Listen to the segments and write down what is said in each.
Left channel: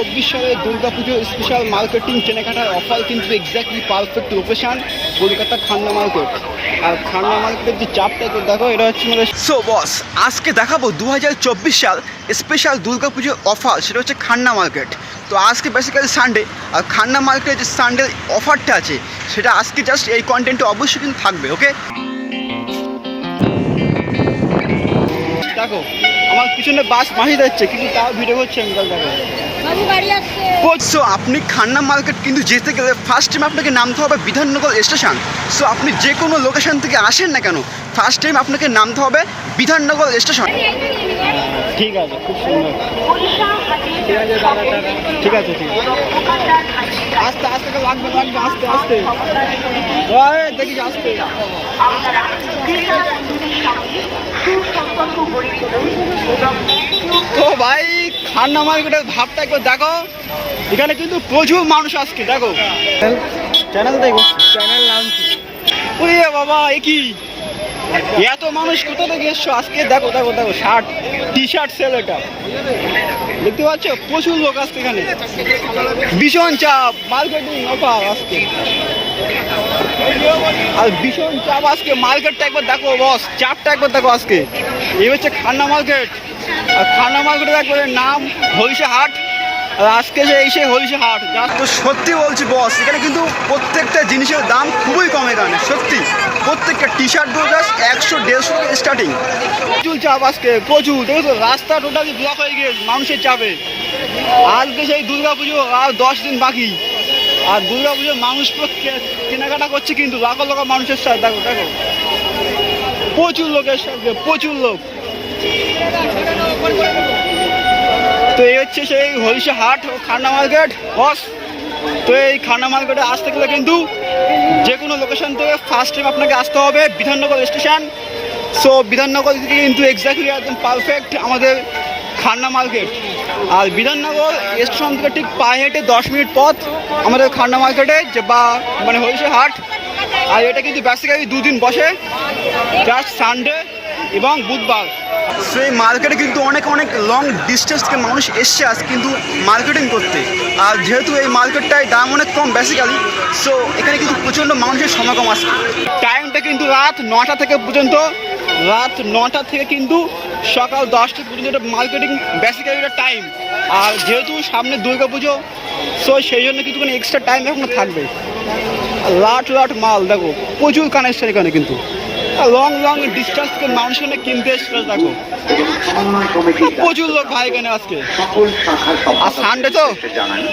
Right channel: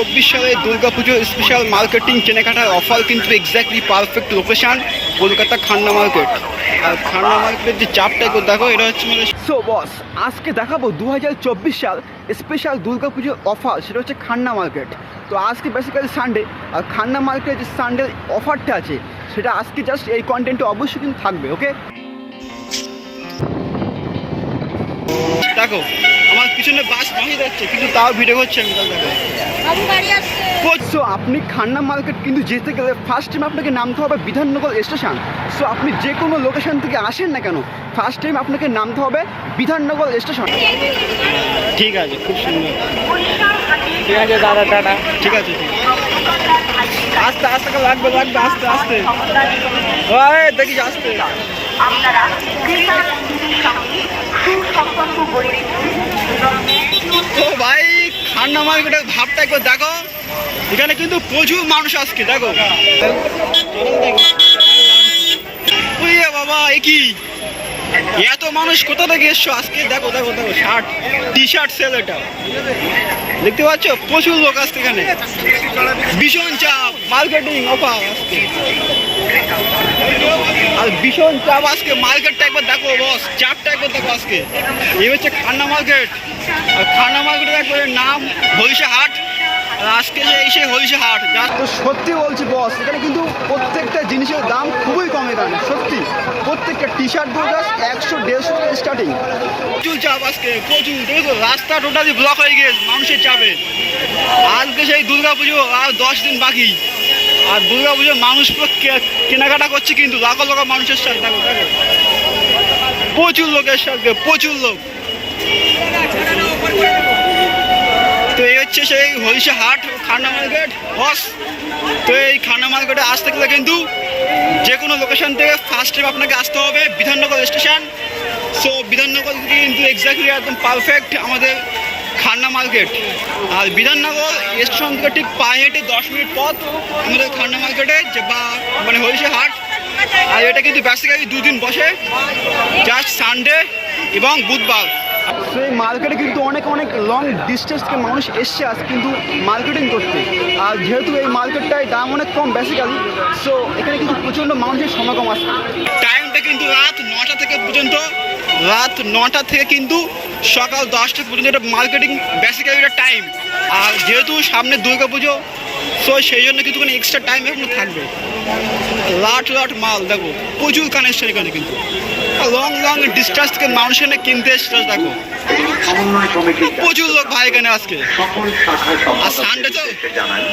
চব্বিশ সালে Durga Puja special marketing কেনাকাটার অফার কিন্তু exactly perfect location Kolkata Khanna market আর খান্না মার্কেটের যে চাপটা একটু দেখো এটা হচ্ছে মানে সো বস আজকে দেখাবো দু হাজার চব্বিশ সাল স্পেশাল দুর্গাপুজোর অফার সেটা হচ্ছে খান্না মার্কেট তো আজকে বেসিক্যালি সানডে আর খান্না মার্কেটের যে সানডে অফারটা আছে সেটা আজকে জাস্ট এই কন্টেন্টে অবশ্যই কিন্তু থাকবে ওকে দেখো আমার পিছনে বাস মাসি যাচ্ছে কিন্তু তাও ভিডিও করছে আমি তাহলে দেখো সো আপনি খান্না মার্কেট কিন্তু যেতে গেলে ফার্স্ট টাইম আপনাকে নামতে হবে বিধাননগর স্টেশন সো আপনি যে কোনো লোকেশন থেকে আসেন না কেন ফার্স্ট টাইম আপনাকে নামতে হবে বিধাননগর স্টেশন ঠিক আছে খুব সুন্দর। ঠিক আছে দাদা দাদা ঠিক আছে ঠিক আছে। আস্তে আস্তে লাগবে লাগবে আস্তে আস্তে দেখিস আস্তে। আপনারা ক্রেতা বন্ধুদের সঙ্গে সুসম্পর্ক গড়ে তুলুন তো ভাই খান্না মার্কেটের ভাবটা একবার দেখো। এখানে কিন্তু প্রচুর মানুষ আসছে দেখো। চ্যানেল দেখো। চ্যানেল নাম ওরে বাবা এ কি? এত মানুষ কোথা থেকে এসছো? আজকে দেখো দেখো দেখো, শার্ট টি শার্ট সেল এটা। দেখতে পাচ্ছ? প্রচুর লোক আসছে এখানে। ভীষণ চাপ মার্কেটিং অফার আজকে। আর ভীষণ চাপ আজকে মার্কেটটা একবার দেখো বস চাপটা একবার দেখো আজকে। এই হচ্ছে খান্না মার্কেট আর খান্না মার্কেটের একবারে নাম হরিষা হাট। আজকে যে এই সে হরিষা হাট যা তো সত্যি বলছি বস এখানে কিন্তু প্রত্যেকটা জিনিসের দাম খুবই কম এখানে সত্যি। প্রত্যেকটা টি শার্টগুলো জাস্ট একশো দেড়শো স্টার্টিং প্রচুর চাপ আজকে প্রচুর। দেখো তো রাস্তা টোটালি ব্লক হয়ে গেছে মানুষের চাপে। আজকে সেই দুর্গা পুজো আর দশ দিন বাকি। আর দুর্গা পুজোর মানুষ কেনাকাটা করছে কিন্তু লাখো লাখো মানুষের সাথে। দেখো দেখো। প্রচুর লোকের সাথে প্রচুর লোক। তো এই হচ্ছে সেই হরিষা হাট ও খান্না মার্কেট। বস, তো এই খান্না মার্কেটে আসতে গেলে কিন্তু যে কোনো লোকেশন থেকে ফার্স্ট টাইম আপনাকে আসতে হবে, বিধাননগর স্টেশন সো বিধাননগর থেকে কিন্তু এক্স্যাক্টলি একদম পারফেক্ট আমাদের খান্না মার্কেট। আর বিধাননগর স্টেশন থেকে ঠিক পায়ে হেঁটে দশ মিনিট পথ আমাদের খান্না মার্কেটে যে বা মানে হরিষা হাট। আর এটা কিন্তু বেসিক্যালি দুদিন বসে জাস্ট সানডে এবং বুধবার। সেই মার্কেটে কিন্তু অনেক অনেক লং ডিস্টেন্স থেকে মানুষ এসছে আজ কিন্তু মার্কেটিং করতে। আর যেহেতু এই মার্কেটটায় দাম অনেক কম বেসিক্যালি সো এখানে কিন্তু প্রচণ্ড মানুষের সমাগম আসে টাইমটা কিন্তু রাত নটা থেকে পর্যন্ত, রাত নটা থেকে কিন্তু সকাল দশটা পর্যন্ত এটা মার্কেটিং বেসিক্যালি এটা টাইম আর যেহেতু সামনে দুর্গা পুজো সো সেই জন্য কিন্তু কোনো এক্সট্রা টাইম এখনও থাকবে। লাট লাট মাল, দেখো, প্রচুর কানেকশন এখানে কিন্তু। লং লং ডিস্টেন্স থেকে মানুষ এখানে কিনতে এসছে দেখো। প্রচুর লোক ভাই এখানে আজকে। আর সানডে তো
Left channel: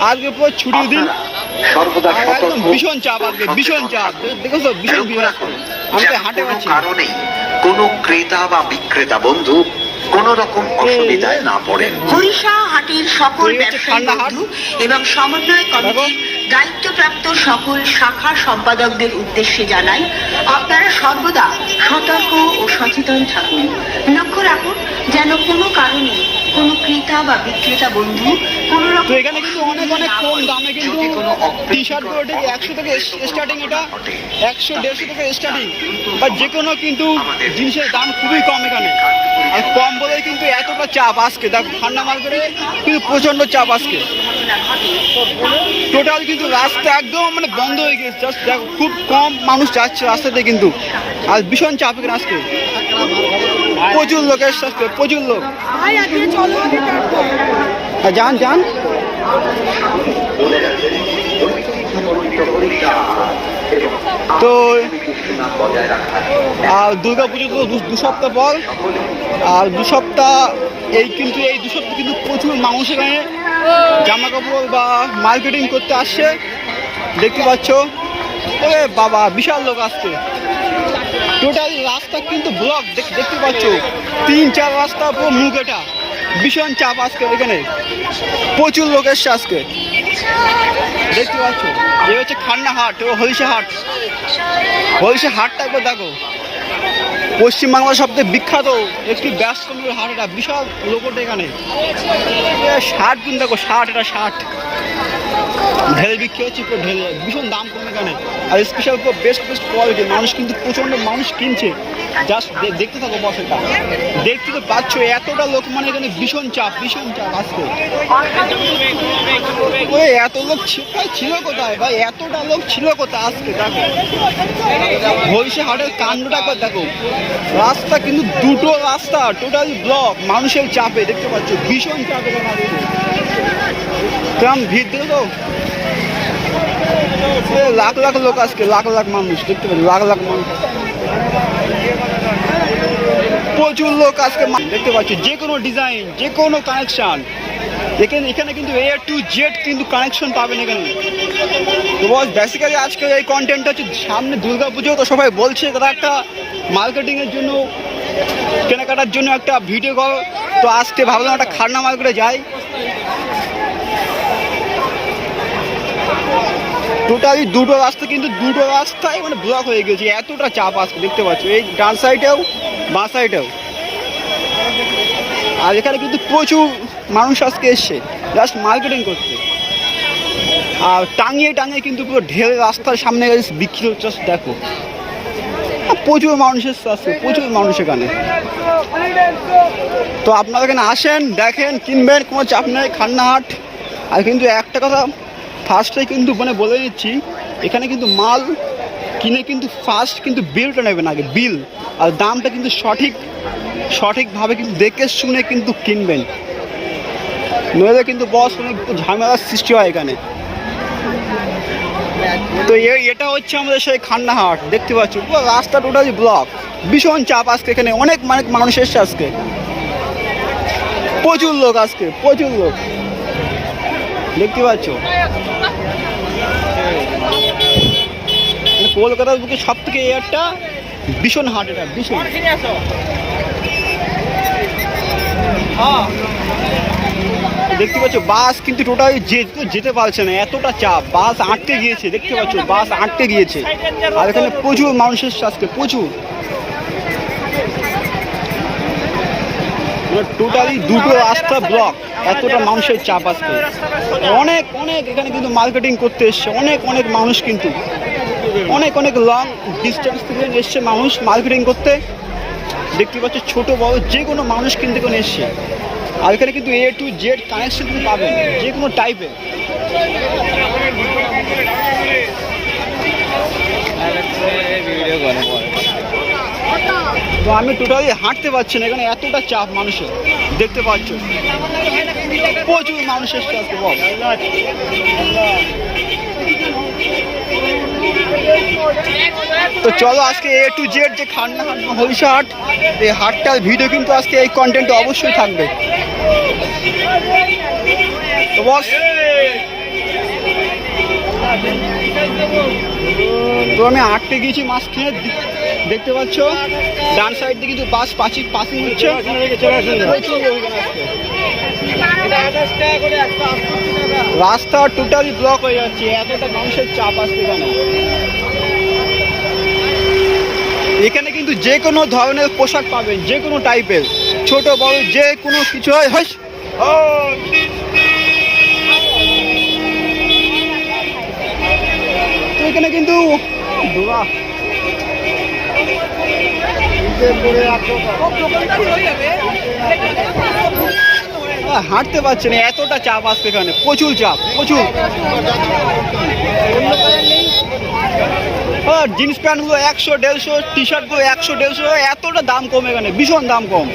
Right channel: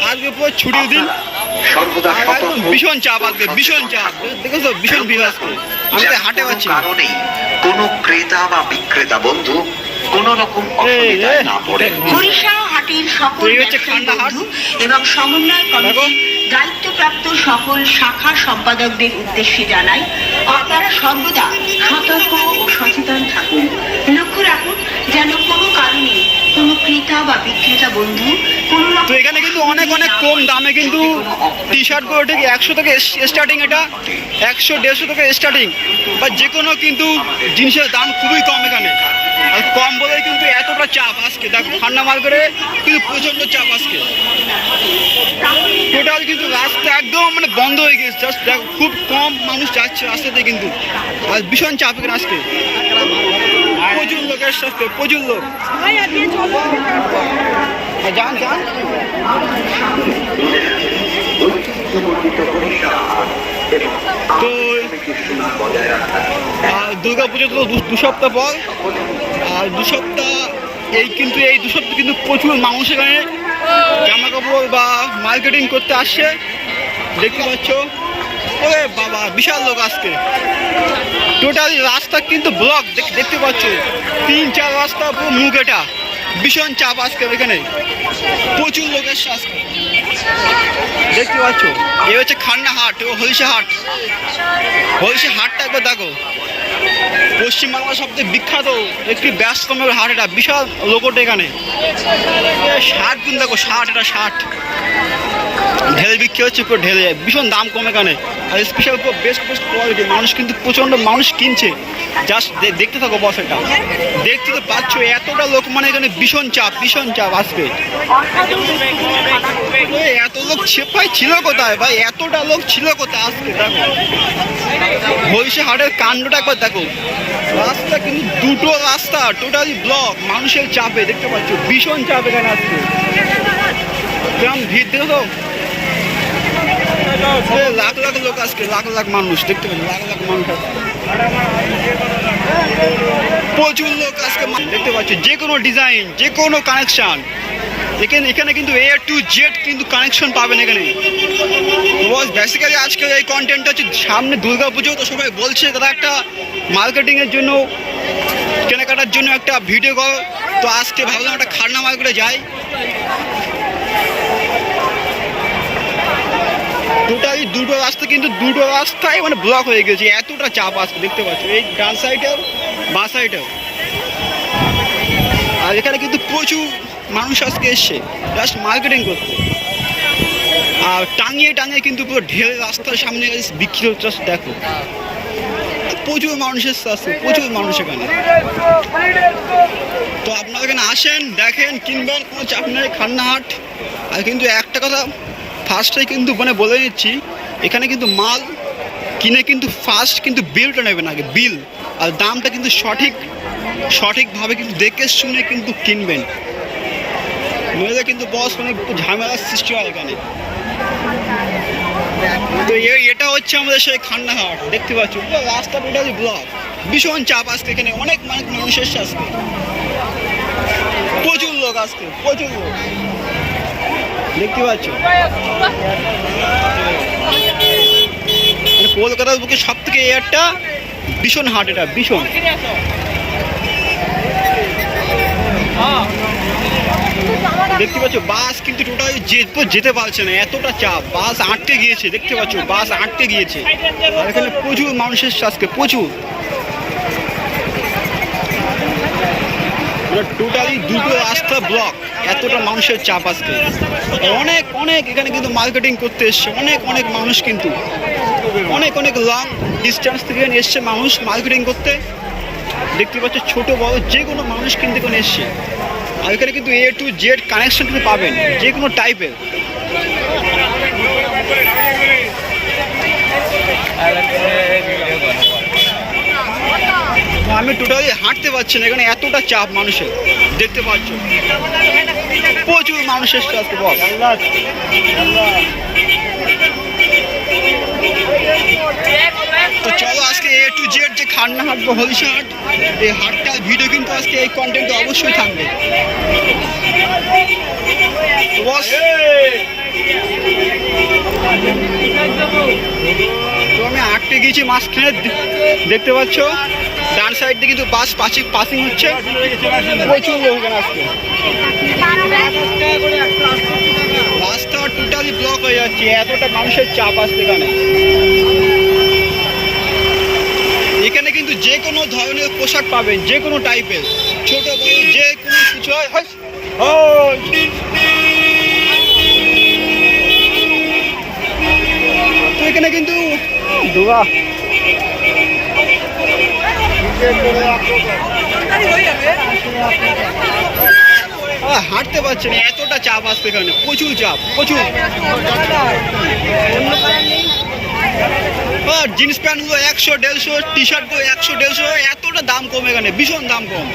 আজকে পুরো ছুটির দিন। একদম ভীষণ চাপ আজকে, ভীষণ চাপ। দেখো তো, ভীষণ ভিড় আজকে। আমি তো হাঁটে পাচ্ছি কোনো ক্রেতা বা বিক্রেতা, বন্ধু কোনো রকম অসুবিধায় না পড়ে হাটের সকল এবং সমন্বয়। দায়িত্বপ্রাপ্ত সকল শাখা সম্পাদকদের উদ্দেশ্যে জানাই আপনারা সর্বদা সতর্ক ও সচেতন থাকুন। লক্ষ্য রাখুন যেন কোনো কারণে কোনো ক্রেতা বা বিক্রেতা বন্ধু তো এখানে কিন্তু অনেক অনেক কম দামে কিন্তু টি শার্টগুলো ঠিক একশো থেকে স্টার্টিং এটা একশো দেড়শো থেকে স্টার্টিং বা যে কোনো কিন্তু জিনিসের দাম খুবই কম এখানে। আর কম বলেই কিন্তু এতটা চাপ আজকে। দেখো খান্না মার্কেটে কিন্তু প্রচণ্ড চাপ আজকে। টোটাল কিন্তু রাস্তা একদম মানে বন্ধ হয়ে গেছে। জাস্ট দেখো খুব কম মানুষ যাচ্ছে রাস্তাতে কিন্তু। আর ভীষণ চাপ এখানে আজকে। প্রচুর লোকের সাথে প্রচুর লোক। হ্যাঁ, যান যান। তো, আর দুর্গা পুজো তো দু- সপ্তাহ পর, আর দু সপ্তাহ এই কিন্তু, এই দু সপ্তাহ কিন্তু প্রচুর মানুষ এখানে জামা কাপড় বা মার্কেটিং করতে আসছে। দেখতে পাচ্ছ, ওরে বাবা, বিশাল লোক আসছে। টোটালি রাস্তা কিন্তু ব্লক দেখতে পাচ্ছ, তিন চার রাস্তা পুরো মুখ ভীষণ চাপ আজকে এখানে। প্রচুর লোক এসছে আজকে। দেখতে পাচ্ছ, এ হচ্ছে খান্না হাট, ও হরিষা হাট। হরিষা হাটটা একবার দেখো। পশ্চিমবাংলার সবচেয়ে বিখ্যাত একটি ব্যস্ততম হাট এটা, বিশাল লোকটা এখানে। শার্ট কিন্তু দেখো শার্ট এটা শার্ট ঢেলে বিক্রি হচ্ছে পুরো ঢেলে যায় ভীষণ দাম কম এখানে। আর স্পেশাল পুরো বেস্ট বেস্ট কোয়ালিটি মানুষ কিন্তু প্রচণ্ড মানুষ কিনছে। জাস্ট দেখতে থাকো বস এটা। দেখতে তো পাচ্ছ, এতটা লোক মানে এখানে ভীষণ চাপ ভীষণ চাপ আসবে এত লোক ছিল কোথায় ভাই? এতটা লোক ছিল কোথায় আজকে, দেখো। হলসে হাটের কাণ্ডটা একবার দেখো। রাস্তা কিন্তু দুটো রাস্তা টোটালি ব্লক মানুষের চাপে দেখতে পাচ্ছ ভীষণ চাপ এখানে আজকে কেমন ভিড় দেখো এ, লাখ লাখ লোক আজকে লাখ লাখ মানুষ দেখতে পাচ্ছি লাখ লাখ মানুষ প্রচুর লোক আজকে দেখতে পাচ্ছি যে কোনো ডিজাইন যে কোনো কানেকশন এখানে এখানে কিন্তু এ টু জেড কিন্তু কানেকশন পাবেন এখানে। তো বস বেসিক্যালি আজকের এই কন্টেন্টটা হচ্ছে সামনে দুর্গা পুজো তো সবাই বলছে তারা একটা মার্কেটিংয়ের জন্য, কেনাকাটার জন্য একটা ভিডিও কর। তো আজকে ভাবলাম একটা খান্না মার্কেটে যাই। টোটালি দুটো রাস্তা, কিন্তু দুটো রাস্তায় মানে ব্লক হয়ে গেছে। এতটা চাপ আসছে দেখতে পাচ্ছ? এই ডান সাইডেও বাঁ সাইডেও আর এখানে কিন্তু প্রচুর মানুষ আজকে এসছে জাস্ট মার্কেটিং করতে। আর টাঙিয়ে টাঙিয়ে কিন্তু পুরো ঢের রাস্তার সামনে বিক্রি হচ্ছে দেখো। প্রচুর মানুষের আছে প্রচুর মানুষ এখানে। তো আপনারা এখানে আসেন, দেখেন, কিনবেন, কোনো চাপ নেই, খান্নাহাট। আর কিন্তু একটা কথা ফার্স্টে কিন্তু মানে বলে দিচ্ছি, এখানে কিন্তু মাল কিনে কিন্তু ফার্স্ট কিন্তু বিলটা নেবেন আগে বিল আর দামটা কিন্তু সঠিক, সঠিকভাবে কিন্তু দেখে শুনে কিন্তু কিনবেন। নইলে কিন্তু বস অনেক ঝামেলার সৃষ্টি হয় এখানে। তো এটা হচ্ছে আমাদের সেই খান্নাহাট, দেখতে পাচ্ছি? পুরো রাস্তা টোটালি ব্লক ভীষণ চাপ আজকে এখানে, অনেক অনেক মানুষ এসছে আজকে। প্রচুর লোক আজকে, প্রচুর লোক। দেখতে পাচ্ছ? মানে কলকাতার বুকে সব থেকে এয়ারটা ভীষণ হাট এটা ভীষণ। দেখতে পাচ্ছ, বাস কিন্তু টোটাল যেতে পারছে না, এতটা চাপ। বাস আটকে গিয়েছে, দেখতে পাচ্ছ, বাস আটকে গিয়েছে। আর এখানে প্রচুর মানুষ এসছে আজকে প্রচুর। মানে টোটালি দুটো রাস্তা ব্লক এতটা মানুষের চাপ আজকে। অনেক অনেক এখানে কিন্তু মার্কেটিং করতে এসছে, অনেক অনেক মানুষ কিন্তু। অনেক অনেক লং ডিস্টেন্স থেকে এসছে মানুষ মার্কেটিং করতে। দেখতে পাচ্ছ, ছোট, বড় যে কোনো মানুষ কিন্তু এখানে এসছে। আর এখানে কিন্তু এ টু জেড কানেকশন কিন্তু পাবেন, যে কোনো টাইপের তো আমি টোটালি হাঁটতে পারছি না, এখানে এতটা চাপ মানুষের, দেখতে পাচ্ছ। প্রচুর মানুষ এসছে আজকে বস তো চলো আজকে এ টু জেড যে খান্না হাট বা হাট, এই হাটটার ভিডিও কিন্তু আজকে এই কন্টেন্ট অবশ্যই থাকবে। তো বস। তো আমি আটকে গিয়েছি মাঝখানে দেখতে পাচ্ছ? ডান সাইড দিয়ে কিন্তু বাস পাসিং পাসিং হচ্ছে। প্রচুর আজকে। রাস্তা টোটালি ব্লক হয়ে যাচ্ছে, এতটা মানুষের চাপ আসছে এখানে। এখানে কিন্তু যে কোনো ধরনের পোশাক পাবেন, যে কোনো টাইপের ছোট, বড়, যে কোনো কিছু। হয়। তো এখানে কিন্তু হাঁটতে পারছে না, এতটা চাপ আসছে এখানে। প্রচুর চাপ, প্রচুর। হ্যাঁ জিন্স প্যান্টগুলো একশো দেড়শো টি শার্টগুলো একশো দেড়শো, এতটা দাম কম এখানে, ভীষণ দাম কম।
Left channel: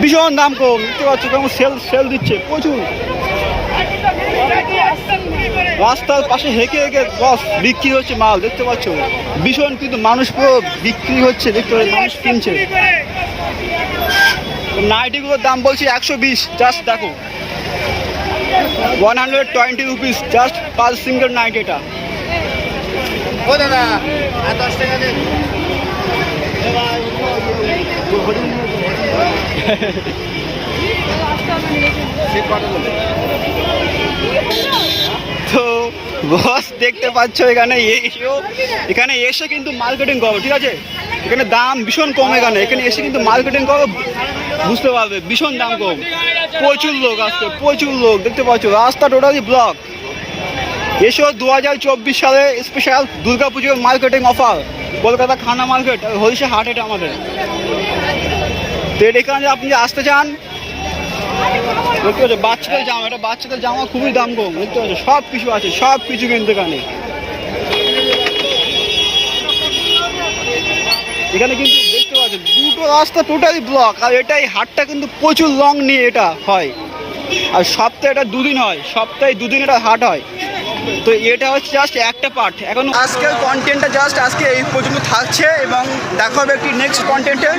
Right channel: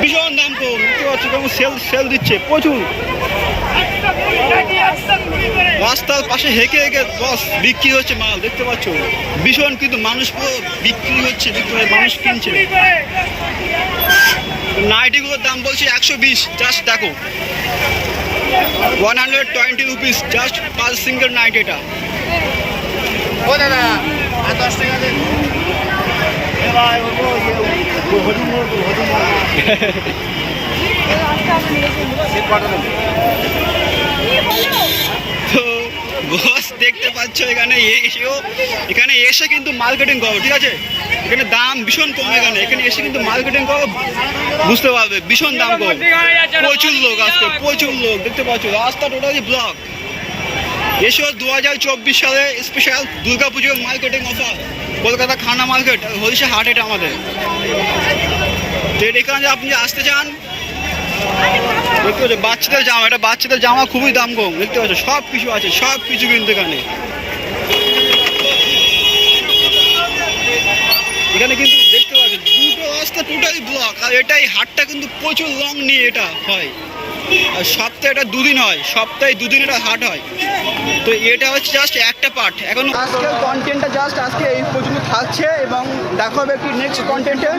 ভীষণ দাম কম দেখতে পাচ্ছ কেমন সেল সেল দিচ্ছে, প্রচুর। রাস্তার পাশে হেঁকে হেঁকে, বস, বিক্রি হচ্ছে মাল, দেখতে পাচ্ছ? ভীষণ কিন্তু মানুষ পুরো বিক্রি হচ্ছে, দেখতে পাচ্ছ, মানুষ কিনছে। নাইটিগুলোর দাম বলছি একশো বিশ জাস্ট দেখো। One hundred twenty rupees just per single night এটা। তো বস দেখতে পাচ্ছ এখানে এসেও, এখানে এসে কিন্তু মার্কেটিং করো, ঠিক আছে? এখানে দাম ভীষণ কম এখানে। এখানে এসে কিন্তু মার্কেটিং করো, বুঝতে পারবে, ভীষণ দাম কম। প্রচুর লোক আসছে, প্রচুর লোক, দেখতে পাচ্ছ? রাস্তা টোটালি ব্লক এসো দু হাজার চব্বিশ সালে স্পেশাল দুর্গাপুজোর মার্কেটিং অফার কলকাতা খানা মার্কেট হরিষা হাট এটা আমাদের। তো এখানে আপনি আসতে চান, দেখতে পাচ্ছ বাচ্চাদের জামা, এটা বাচ্চাদের জামা খুবই দাম কম, দেখতে পাচ্ছ সব কিছু আছে সব কিছু কিন্তু এখানে। এখানে কিন্তু দেখতে পাচ্ছেন, দুটো রাস্তা টোটালি ব্লক আর এটাই হাটটা কিন্তু প্রচুর লং নিয়ে এটা হয়। আর সপ্তাহে এটা দুদিন হয়, সপ্তাহে দুদিন এটা হাট হয়। তো এটা হচ্ছে জাস্ট একটা পার্ট এখন আজকের কন্টেন্টটা জাস্ট আজকে এই পর্যন্ত থাকছে এবং দেখা হবে একটি নেক্সট কন্টেন্টে